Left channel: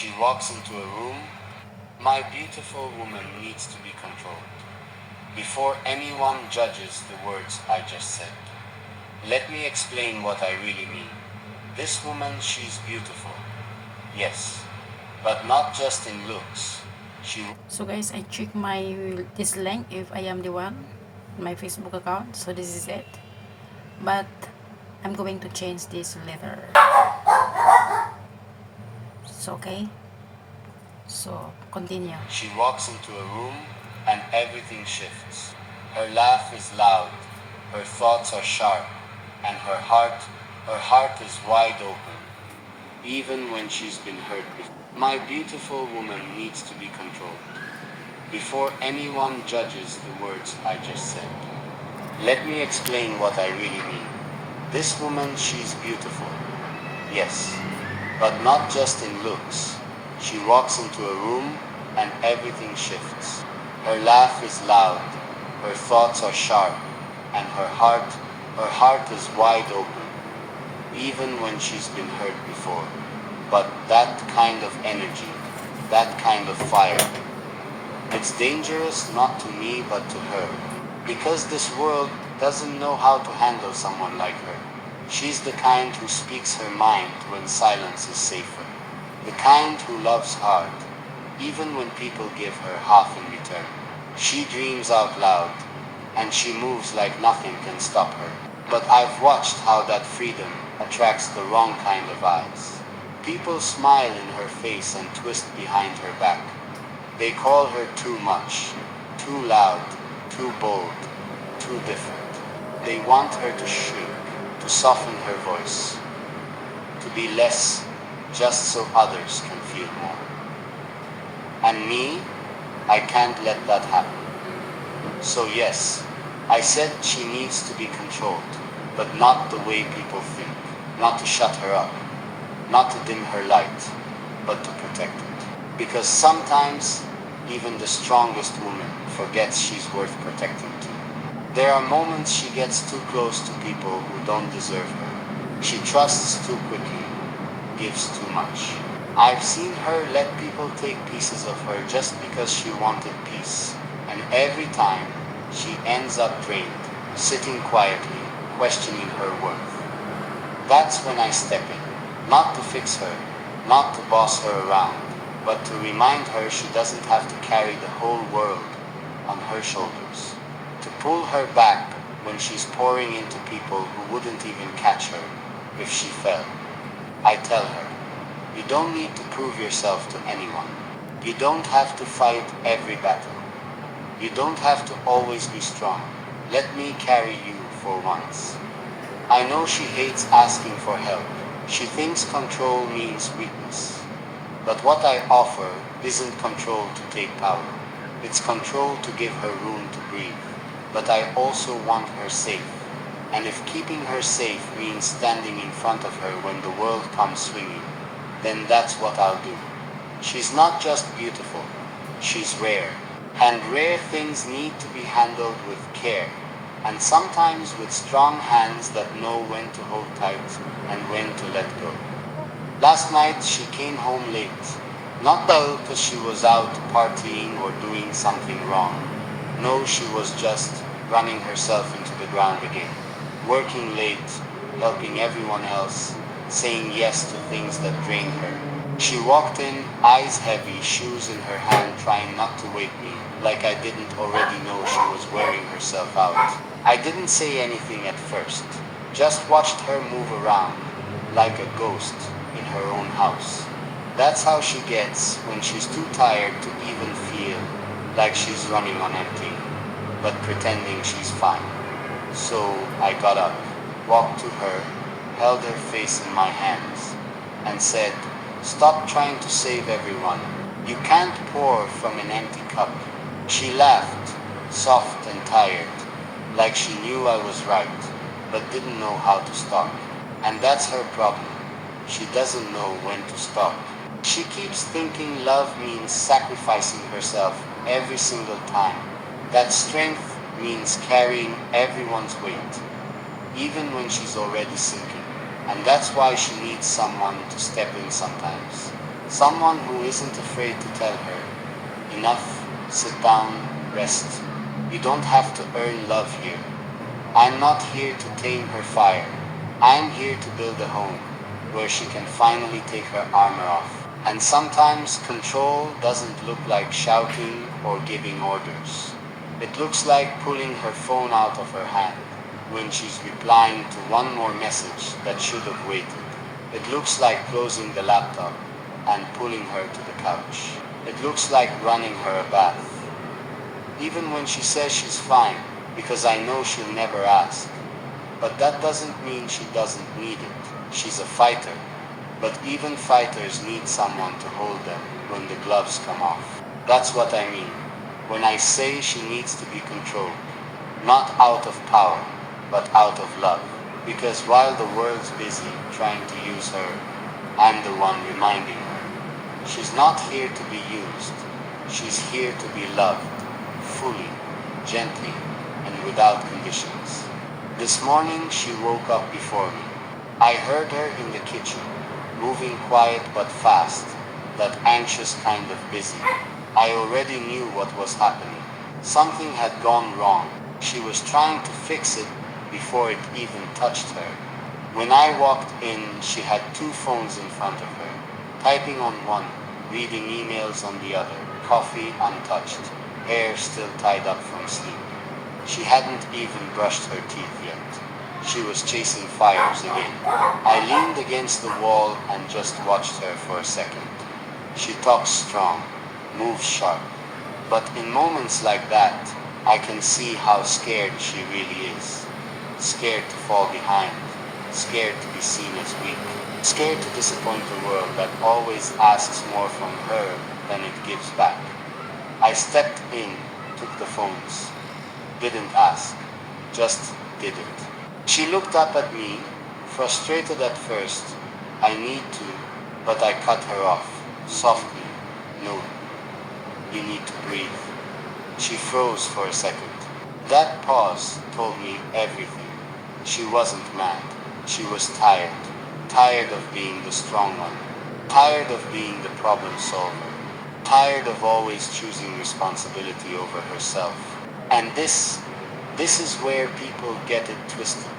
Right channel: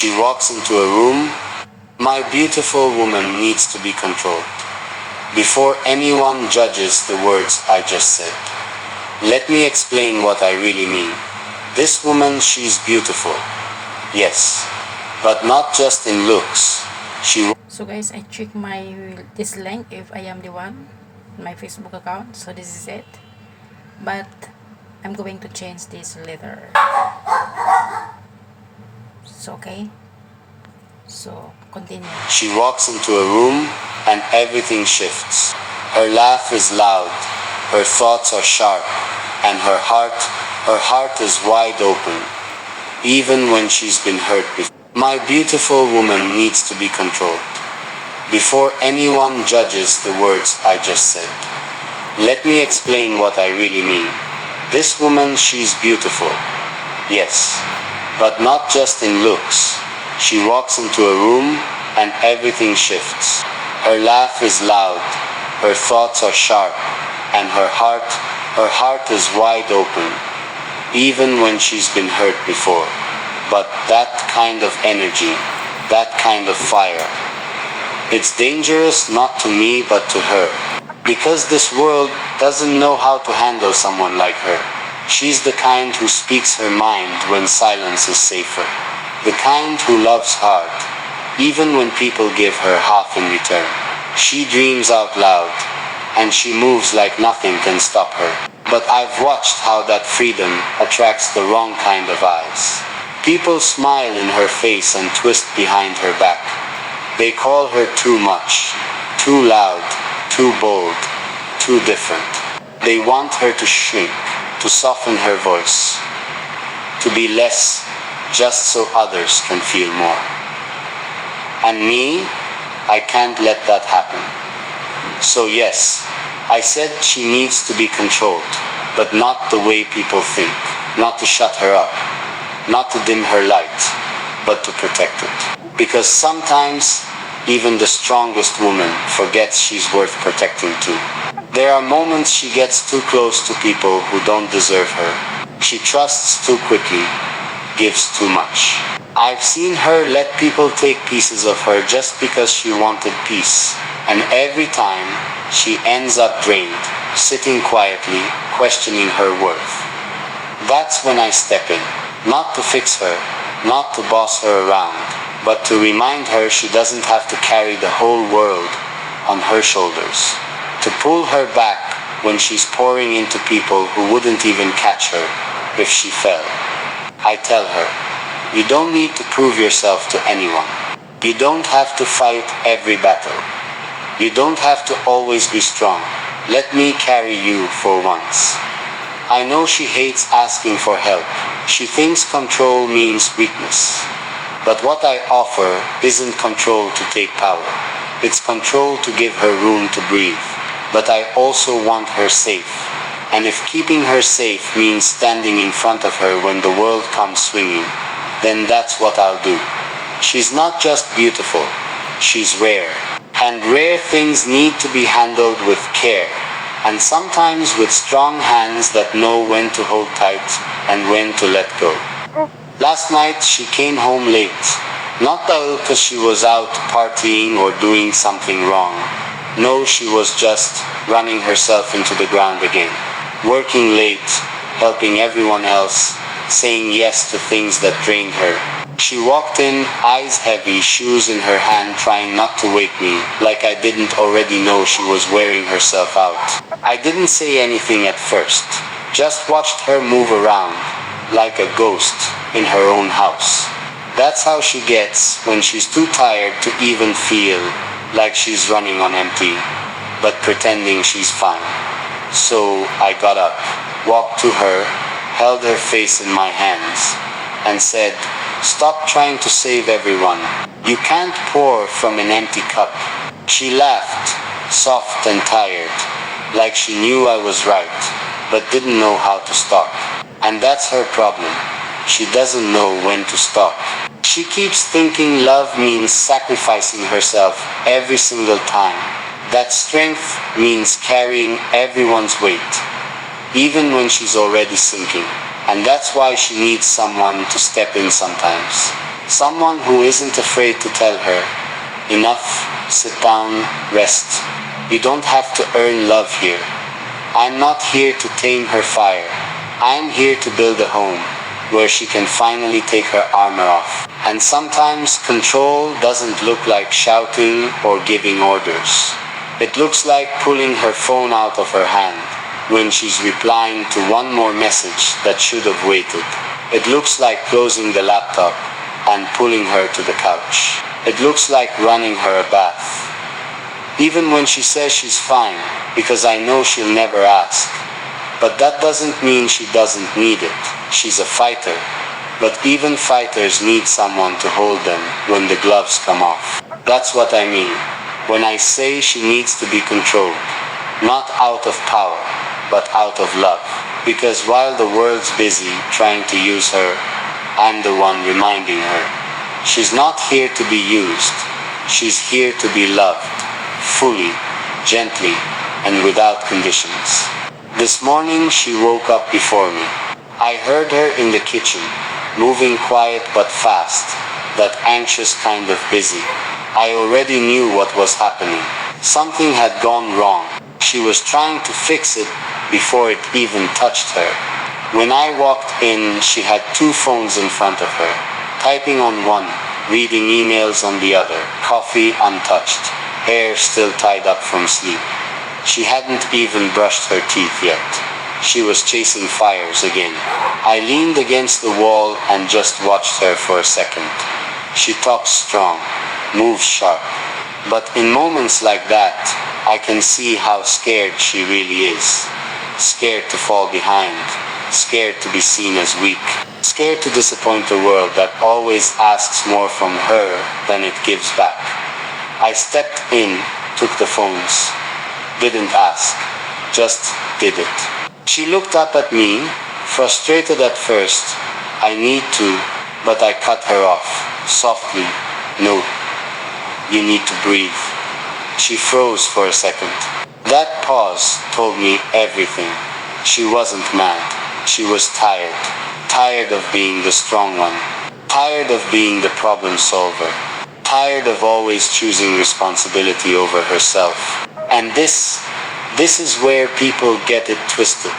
She walks into a room. My beautiful woman needs to be controlled. Before anyone judges the words I just said, let me explain what I really mean. This woman, she's beautiful. Yes. But not just in looks. So guys, I check this link if I am the one, my Facebook account. So this is it. But I'm going to change this later. So okay. So continue. She walks into a room and everything shifts. Her laugh is loud, her thoughts are sharp, and her heart is wide open, even when she's been hurt before. My beautiful woman needs to be controlled. Before anyone judges the words I just said, let me explain what I really mean. This woman, she's beautiful. Yes. But not just in looks. She walks into a room and everything shifts. Her laugh is loud, her thoughts are sharp, and her heart is wide open, even when she's been hurt before. But that kind of energy, that kind of fire, it's dangerous not to me but to her. Because this world doesn't know how to handle someone like her. She's the kind who speaks her mind when silence is safer. The kind who loves hard, even when people give her half in return. She dreams out loud, and she moves like nothing can stop her. But I've watched how that freedom attracts the wrong kind of eyes. People smile in her face and twist behind her back. They call her too much, too loud, too bold, too different. They want her to shrink, to soften her voice, to be less, just so others can feel more. And me, I can't let that happen. So yes, I said she needs to be controlled, but not the way people think, not to shut her up, not to dim her light, but to protect it. Because sometimes, even the strongest woman forgets she's worth protecting too. There are moments she gets too close to people who don't deserve her. She trusts too quickly, gives too much. I've seen her let people take pieces of her just because she wanted peace. And every time, she ends up drained, sitting quietly, questioning her worth. That's when I step in. Not to fix her, not to boss her around, but to remind her she doesn't have to carry the whole world on her shoulders. To pull her back when she's pouring into people who wouldn't even catch her if she fell. I tell her, you don't need to prove yourself to anyone. You don't have to fight every battle. You don't have to always be strong. Let me carry you for once. I know she hates asking for help. She thinks control means weakness. But what I offer isn't control to take power. It's control to give her room to breathe. But I also want her safe. And if keeping her safe means standing in front of her when the world comes swinging, then that's what I'll do. She's not just beautiful, she's rare. And rare things need to be handled with care. And sometimes with strong hands that know when to hold tight and when to let go. Last night she came home late. Not because she was out partying or doing something wrong. No, she was just running herself into the ground again. Working late, helping everyone else, saying yes to things that drained her. She walked in, eyes heavy, shoes in her hand, trying not to wake me, like I didn't already know she was wearing herself out. I didn't say anything at first, just watched her move around, like a ghost, in her own house. That's how she gets when she's too tired to even feel like she's running on empty, but pretending she's fine. So I got up, walked to her, held her face in my hands, and said, "Stop trying to save everyone. You can't pour from an empty cup." She laughed, soft and tired, like she knew I was right, but didn't know how to stop. And that's her problem. She doesn't know when to stop. She keeps thinking love means sacrificing herself every single time. That strength means carrying everyone's weight, even when she's already sinking. And that's why she needs someone to step in sometimes. Someone who isn't afraid to tell her, enough, sit down, rest. You don't have to earn love here. I'm not here to tame her fire. I'm here to build a home where she can finally take her armor off. And sometimes control doesn't look like shouting or giving orders. It looks like pulling her phone out of her hand when she's replying to one more message that should have waited. It looks like closing the laptop and pulling her to the couch. It looks like running her a bath. Even when she says she's fine, because I know she'll never ask. But that doesn't mean she doesn't need it. She's a fighter. But even fighters need someone to hold them when the gloves come off. That's what I mean when I say she needs to be controlled. Not out of power, but out of love. Because while the world's busy trying to use her, I'm the one reminding her. She's not here to be used. She's here to be loved. Fully, gently, and without conditions. This morning she woke up before me. I heard her in the kitchen, moving quiet but fast, that anxious kind of busy. I already knew what was happening. Something had gone wrong. She was trying to fix it before it even touched her. When I walked in, she had two phones in front of her, typing on one, reading emails on the other, coffee untouched, hair still tied up from sleep. She hadn't even brushed her teeth yet. She was chasing fires again. I leaned against the wall and just watched her for a second. She talks strong, moves sharp. But in moments like that, I can see how scared she really is. Scared to fall behind. Scared to be seen as weak. Scared to disappoint the world that always asks more from her than it gives back. I stepped in, took the phones. Didn't ask. Just did it. She looked up at me, frustrated at first. I need to, but I cut her off, softly. No, you need to breathe. She froze for a second. That pause told me everything. She wasn't mad. She was tired. Tired of being the strong one. Tired of being the problem solver. Tired of always choosing responsibility over herself. And this is where people get it twisted.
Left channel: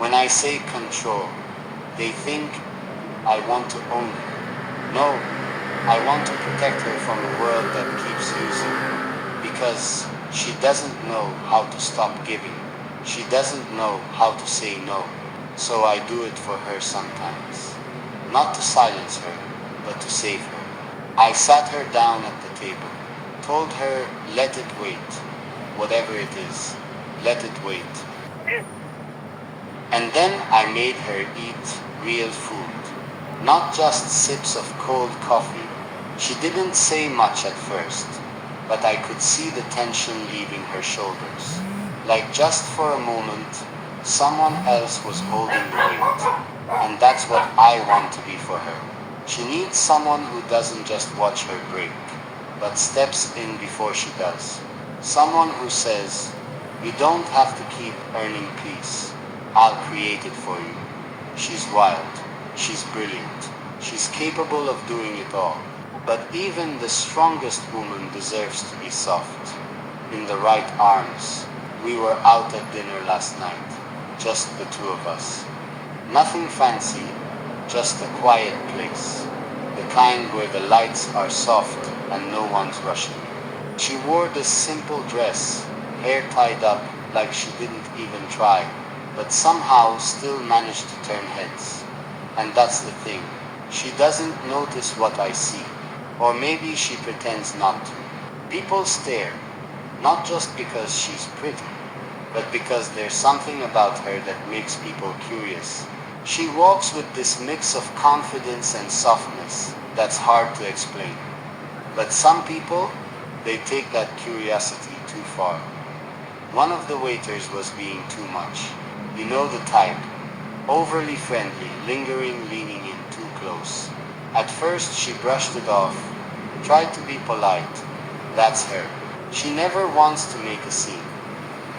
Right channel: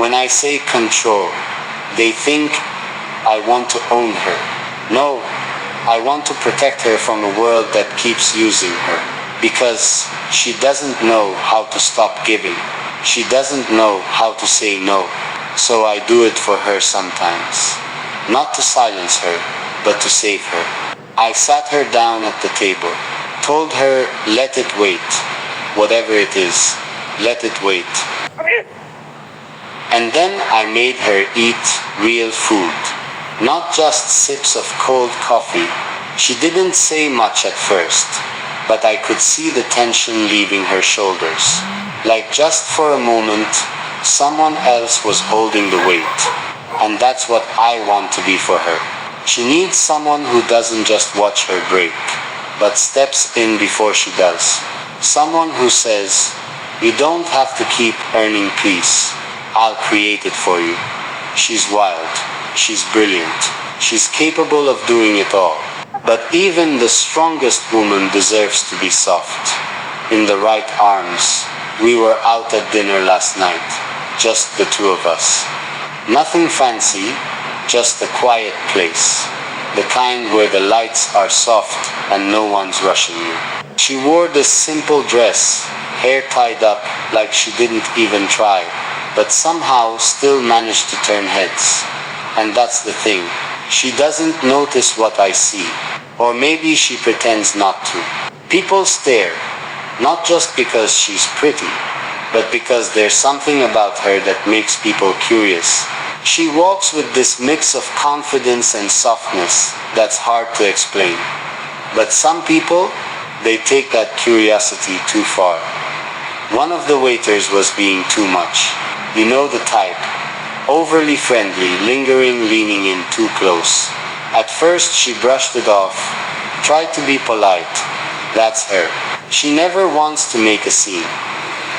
When I say control, they think I want to own her. No, I want to protect her from a world that keeps using her. Because she doesn't know how to stop giving. She doesn't know how to say no. So I do it for her sometimes. Not to silence her, but to save her. I sat her down at the table, told her let it wait. Whatever it is, let it wait. And then I made her eat real food. Not just sips of cold coffee. She didn't say much at first, but I could see the tension leaving her shoulders. Like just for a moment, someone else was holding the weight. And that's what I want to be for her. She needs someone who doesn't just watch her break, but steps in before she does. Someone who says, you don't have to keep earning peace. I'll create it for you. She's wild. She's brilliant. She's capable of doing it all. But even the strongest woman deserves to be soft. In the right arms. We were out at dinner last night. Just the two of us. Nothing fancy, just a quiet place. The kind where the lights are soft and no one's rushing you. She wore this simple dress, hair tied up like she didn't even try, but somehow still managed to turn heads. And that's the thing. She doesn't notice what I see. Or maybe she pretends not to. People stare, not just because she's pretty, but because there's something about her that makes people curious. She walks with this mix of confidence and softness that's hard to explain. But some people, they take that curiosity too far. One of the waiters was being too much. You know the type. Overly friendly, lingering, leaning in too close. At first she brushed it off, tried to be polite. That's her. She never wants to make a scene.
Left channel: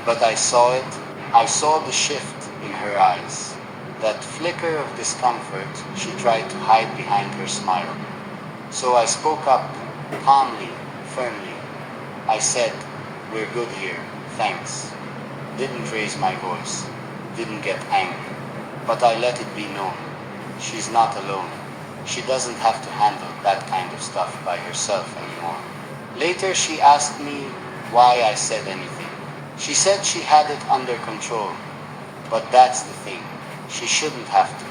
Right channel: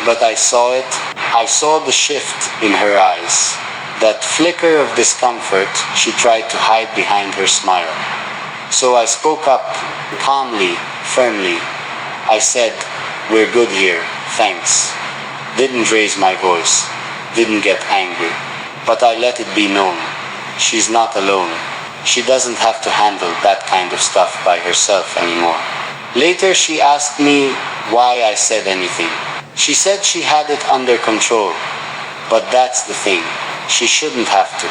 But I saw it. I saw the shift in her eyes. That flicker of discomfort she tried to hide behind her smile. So I spoke up, calmly, firmly. I said, "We're good here, thanks." Didn't raise my voice, didn't get angry. But I let it be known. She's not alone. She doesn't have to handle that kind of stuff by herself anymore. Later she asked me why I said anything. She said she had it under control. But that's the thing. She shouldn't have to.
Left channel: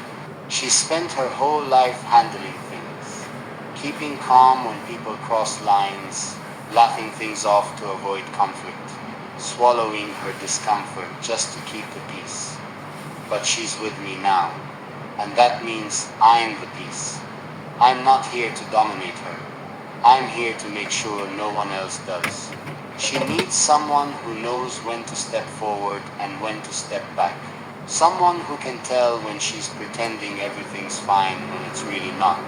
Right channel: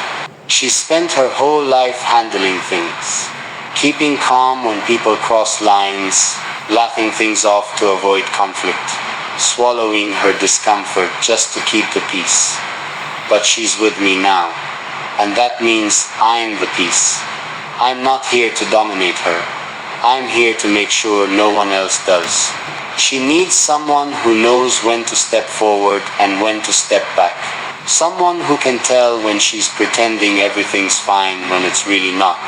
She spent her whole life handling things. Keeping calm when people cross lines, laughing things off to avoid conflict, swallowing her discomfort just to keep the peace. But she's with me now, and that means I'm the peace. I'm not here to dominate her. I'm here to make sure no one else does. She needs someone who knows when to step forward and when to step back. Someone who can tell when she's pretending everything's fine when it's really not.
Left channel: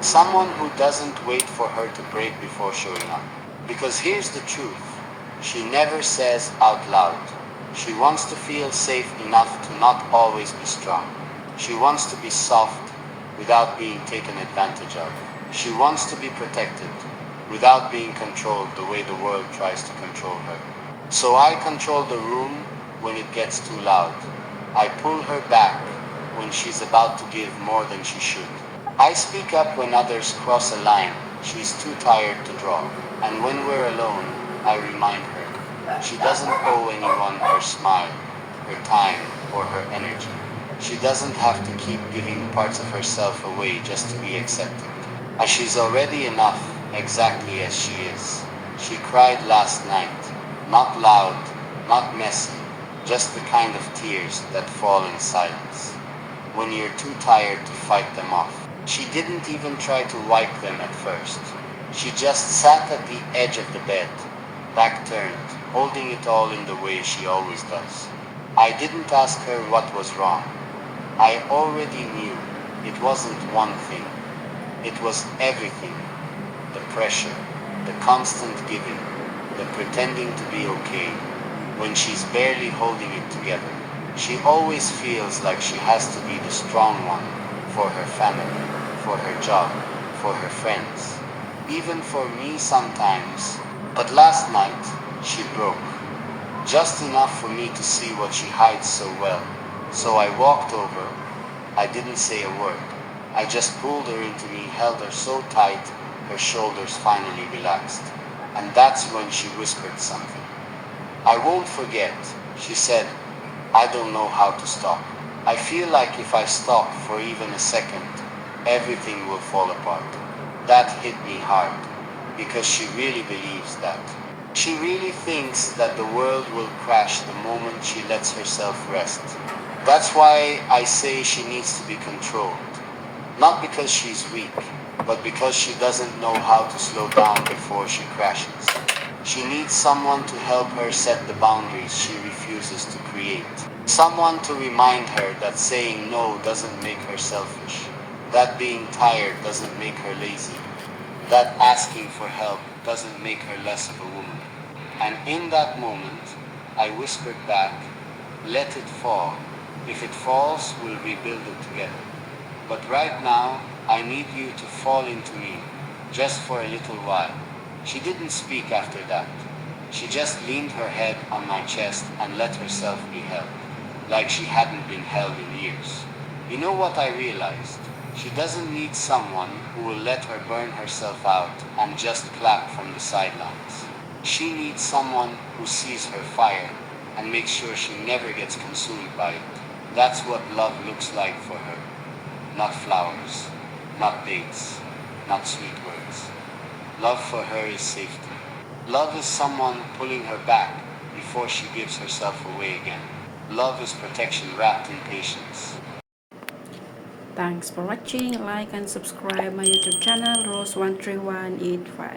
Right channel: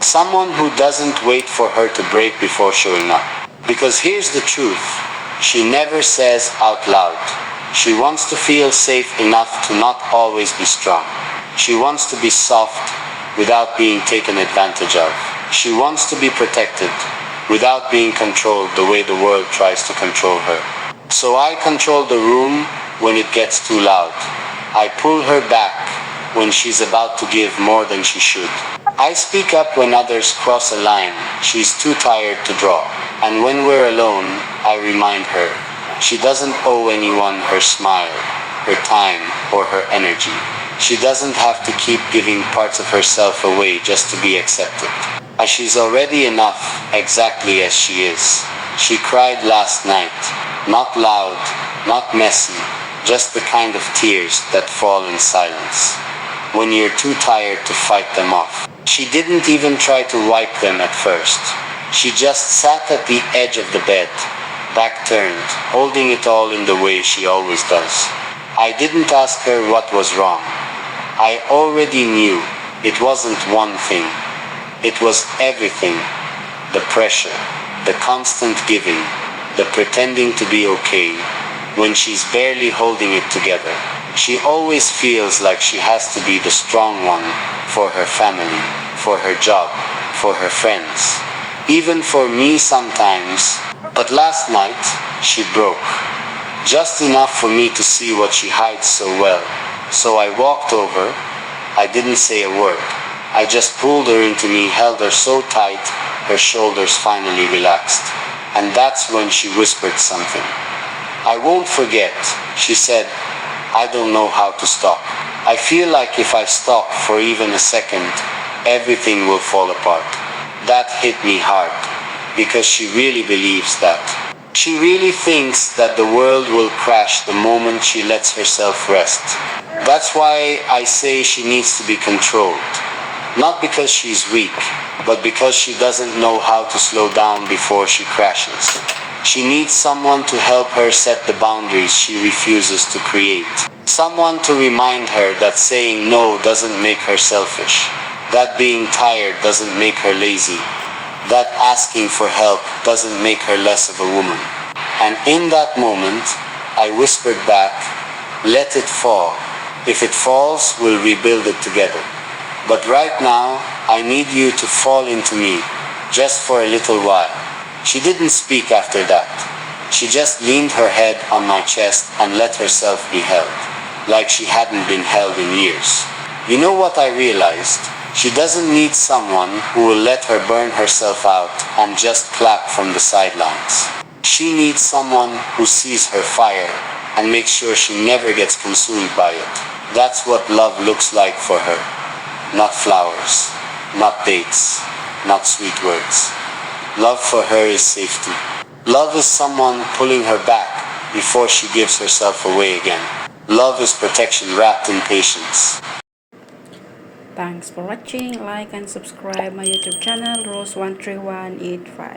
Someone who doesn't wait for her to break before showing up. Because here's the truth. She never says out loud. She wants to feel safe enough to not always be strong. She wants to be soft without being taken advantage of. She wants to be protected without being controlled the way the world tries to control her. So I control the room when it gets too loud. I pull her back when she's about to give more than she should. I speak up when others cross a line she's too tired to draw. And when we're alone, I remind her she doesn't owe anyone her smile, her time, or her energy. She doesn't have to keep giving parts of herself away just to be accepted. As she's already enough, exactly as she is. She cried last night. Not loud, not messy, just the kind of tears that fall in silence. When you're too tired to fight them off. She didn't even try to wipe them at first. She just sat at the edge of the bed, back turned, holding it all in the way she always does. I didn't ask her what was wrong. I already knew it wasn't one thing. It was everything. The pressure, the constant giving, the pretending to be okay, when she's barely holding it together. She always feels like she has to be the strong one for her family, for her job, for her friends. Even for me sometimes. But last night, she broke. Just enough for me to see what she hides so well. So I walked over. I didn't say a word. I just pulled her into me, held her so tight, her shoulders finally relaxed. And that's when she whispered something. "I won't forget," she said. "I don't know how to stop. I feel like if I stop for even a second, everything will fall apart." That hit me hard, because she really believes that. She really thinks that the world will crash the moment she lets herself rest. That's why I say she needs to be controlled. Not because she's weak, but because she doesn't know how to slow down before she crashes. She needs someone to help her set the boundaries she refuses to create. Someone to remind her that saying no doesn't make her selfish. That being tired doesn't make her lazy. That asking for help doesn't make her less of a woman. And in that moment, I whispered back, "Let it fall. If it falls, we'll rebuild it together. But right now, I need you to fall into me, just for a little while." She didn't speak after that. She just leaned her head on my chest and let herself be held, like she hadn't been held in years. You know what I realized? She doesn't need someone who will let her burn herself out and just clap from the sidelines. She needs someone who sees her fire and makes sure she never gets consumed by it. That's what love looks like for her. Not flowers, not dates, not sweet words. Love for her is safety. Love is someone pulling her back before she gives herself away again. Love is protection wrapped in patience. Thanks for watching. Like and subscribe my YouTube channel Rose13185.